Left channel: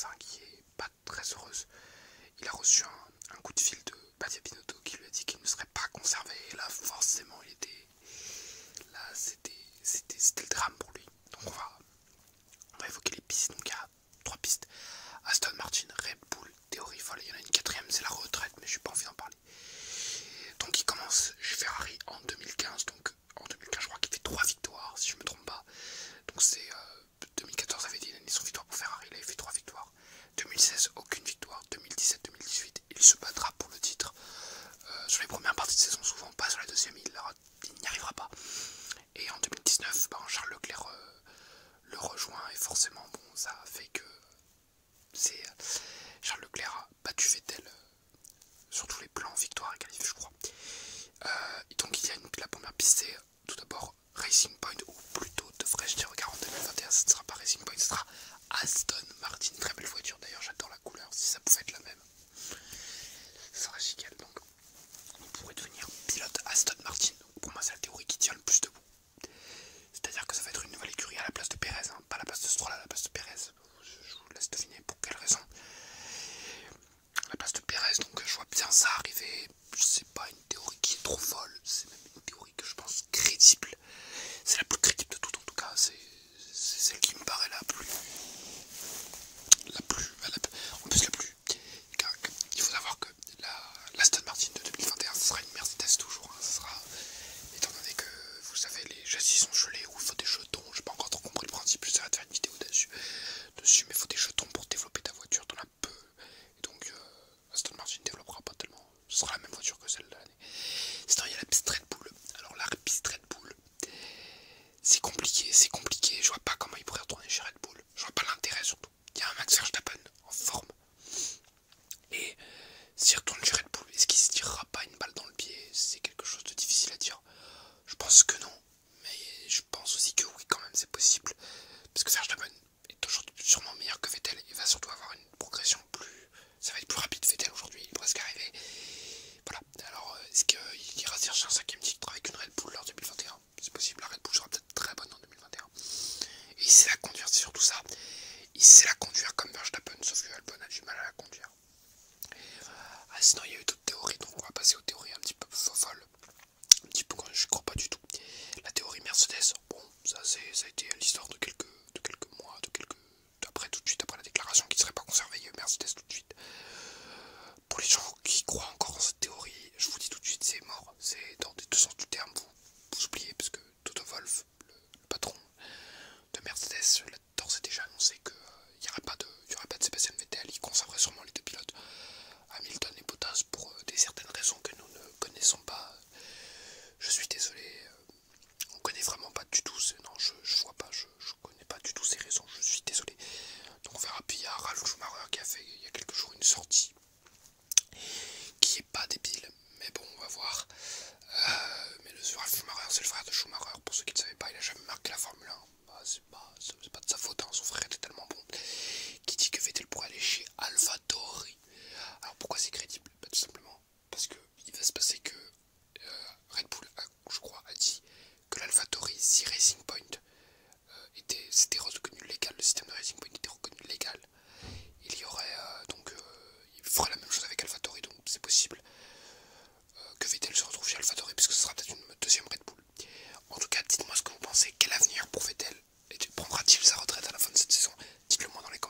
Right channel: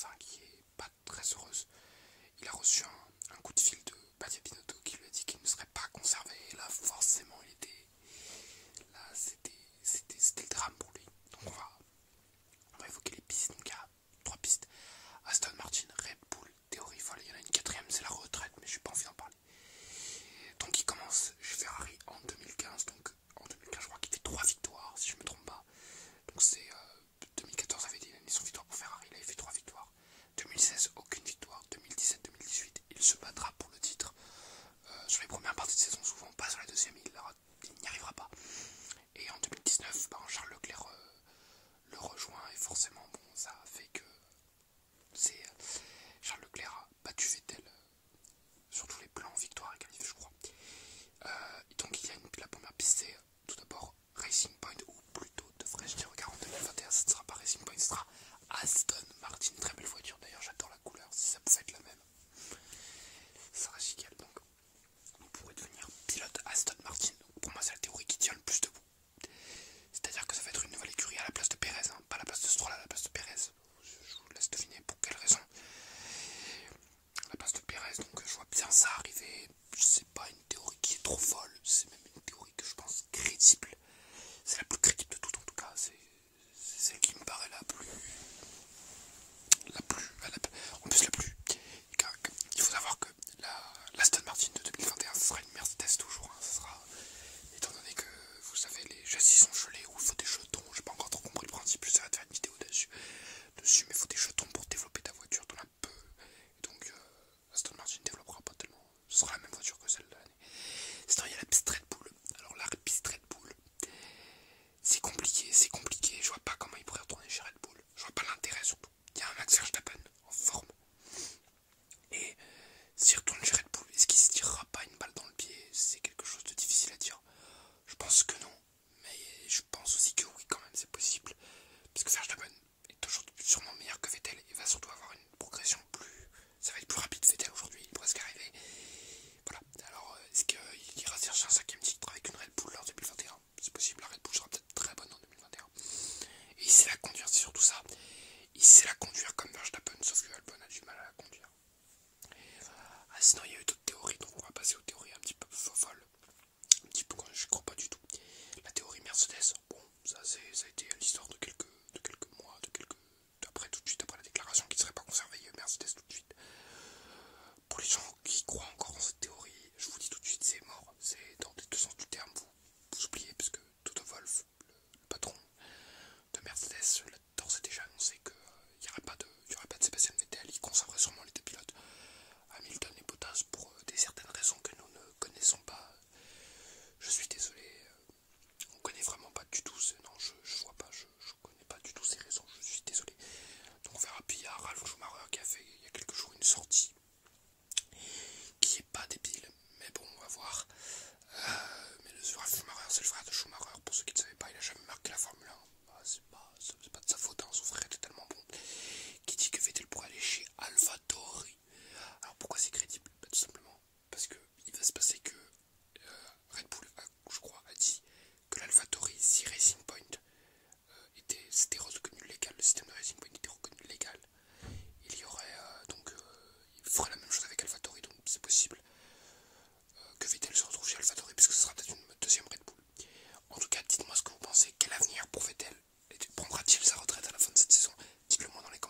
Mercedes hein, qui est pas très heureuse. Il a reçu un coup de fil de Mattia Binotto qui lui a dit qu'il ne serait pas conservé. Et là, forcément, il était... Là, c'était le drame pour lui. Donc on va évoquer les pistes. Donc il y a 3 pistes. Aston Martin, Red Bull, théorie folle. Il y en a une 4ème, c'est la retraite, mais je n'ai pas envie d'en parler. Donc il commence chez Ferrari en 2015. Donc en 2015, je crois qu'il fait 3 victoires, si je ne me trompe pas. Donc c'est 2014 avait dit l'année sans victoire pour Ferrari, il avait fait 3 victoires. 2016, aucune victoire. 2017, 2018, il se battra pour le titre. Sur les premières parties de saison, souvent pas sur la deuxième, il n'y arrivera pas. Et en 2019, Charles Leclerc le rejoint et forcément, bon, ça fait que c'est Charles Leclerc a battu Vettel sur tous les plans, victoire et qualif, je crois. Donc il y a la première piste, c'est tout d'abord Racing Point, ou plutôt devrais-je dire, regarde, en 2021, ce ne sera pas Racing Point, ce sera Aston Martin, très belle voiture d'ailleurs, j'adore la couleur, si ça pouvait être la même, ça serait génial. Donc on pourrait devenir pilote Aston Martin. Donc, pour moi c'est la théorie qui tient le plus debout. C'est-à-dire que ça va être une nouvelle écurie à la place de Pérez, hein, pas à la place de Stroll, à la place de Pérez. Je vous laisse deviner pour quelle raison. À la place de Pérez, donc je vois bien ça arriver. C'est pas une théorie qui est trop folle, c'est même une théorie que je pense crédible. C'est la plus crédible de toutes en tout cas, c'est celle qui me paraît la plus... En plus la plus... Il faut savoir que l'Aston Martin de 2021, ce sera une Mercedes toujours, hein, ce sera... Étant donné que, vous savez, les châssis sont gelés ou il faut des jetons, j'ai pas encore trop compris le principe, je vais faire une vidéo dessus, mais il faut des jetons pour développer ta voiture, t'en as peu. Et donc, Aston Martin ne développera pas tellement, ce sera la même voiture que celle de l'année. Sinon, il y a la piste Red Bull. Alors, la piste Red Bull, c'est compliqué, je vois pas comment il pourrait retourner chez Red Bull, je vois pas l'intérêt surtout. Il y a un Max Verstappen en forme, et s'il retourne chez Red Bull, est-ce qu'il se tirera pas une balle dans le pied? C'est quelque chose de difficile à dire. Je pense que non, mais je pense aussi que oui, quand même, c'est possible. Parce que Verstappen est aujourd'hui sûrement meilleur que Vettel. Il va surtout avoir une progression plus... Ça va être plus rapide. Vettel aujourd'hui, il est presque arrivé. Voilà. Alors, est-ce qu'il ira chercher un 5ème titre avec une Red Bull en 2021? C'est possible, la Red Bull sera peut-être très bonne en 2021. Et il sait la conduire, c'est surtout ça. Il sait la conduire comme Verstappen, sauf que Albon a du mal à la conduire. Sinon, il y a eu d'autres théories, donc on va passer aux théories un petit peu folles. Un petit peu, je crois pas du tout. La théorie Mercedes, bon, ça a été l'histoire de quelques mois, après, tout de suite après la déclaration qu'il ne serait pas conservé, il y a eu Mercedes tout de suite. Pour les gens qui croient encore dans cette théorie, je vous dis tout de suite, c'est mort. C'est dans les deux sens du terme, vous oubliez, parce que Toto Wolff, le patron de Mercedes, l'a d'ores et déjà annoncé qu'il n'y aurait pas de Sébastien Vettel, il conserverait sûrement les deux pilotes, Hamilton et Bottas, pour des certaines raisons que nous ne connaissons pas. Je suis désolé, on connaît vraiment pas du tout, non, je vois pas, je connais pas du tout ces raisons, je suis désolé. Donc on verra. Puis il y a Ralf Schumacher qui a fait il y a quelques jours une sortie qui est pas débile, mais bon, on va voir. Mais le Ralf Schumacher, c'est le frère de Schumacher, pour ceux qui ne savaient pas, il a jamais marqué la Formule 1. C'est pas de sa faute, hein. Son frère était tellement bon. Qui dit que Vettel pourrait aller chez AlphaTauri. Alors pourquoi c'est crédible? Tout simplement parce que il va se passer que Red Bull, je crois, a dit que l'AlphaTauri, si Racing Point c'était reconnu légal, le système de Racing Point était reconnu légal, il y aurait il ferait la même chose avec AlphaTauri, donc c'est possible que Vettel se retrouve chez AlphaTauri, puisque ce sera peut-être une deuxième Red Bull. En tout cas, dites-moi ce que vous pensez, quel avenir pour Vettel? Prendra-t-il sa retraite à la fin de cette saison? Dites-le moi dans les commentaires.